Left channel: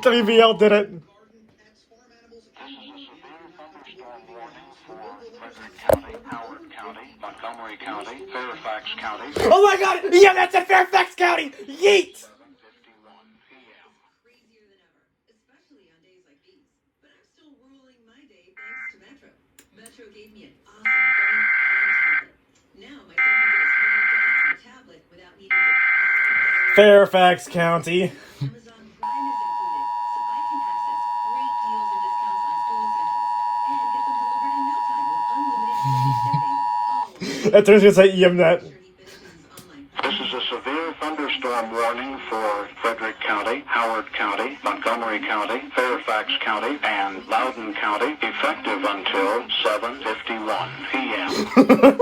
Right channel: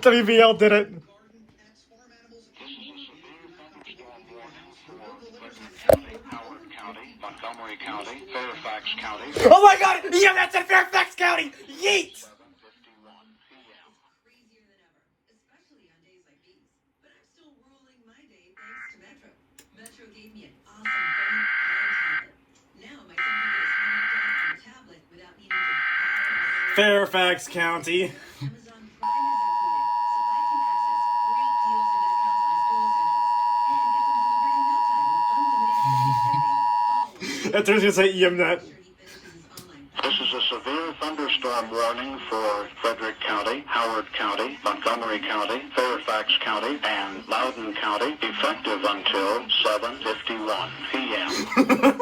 Wbal did it. Howard County, Montgomery County, Fairfax County. Oh my god! Yeah, that's in Fairfax County! Yeet! 7:51 p.m. Crazier than ever, especially on days like these. But I'm still ruling my day thanks to Metro. Metro gave me an awesome phone and tablet. Now my son can get his homework done on a tablet without needing to Fairfax County. Amazon Prime is included, so I can access great deals and discounts on school essentials and get them delivered in no time with unlimited free shipping. That's what I was gonna say, EMNet. This is a severe thunderstorm warning for Frederick County, Howard County, Montgomery County, Fairfax County, and Loudoun County, effective until 7:51 p.m.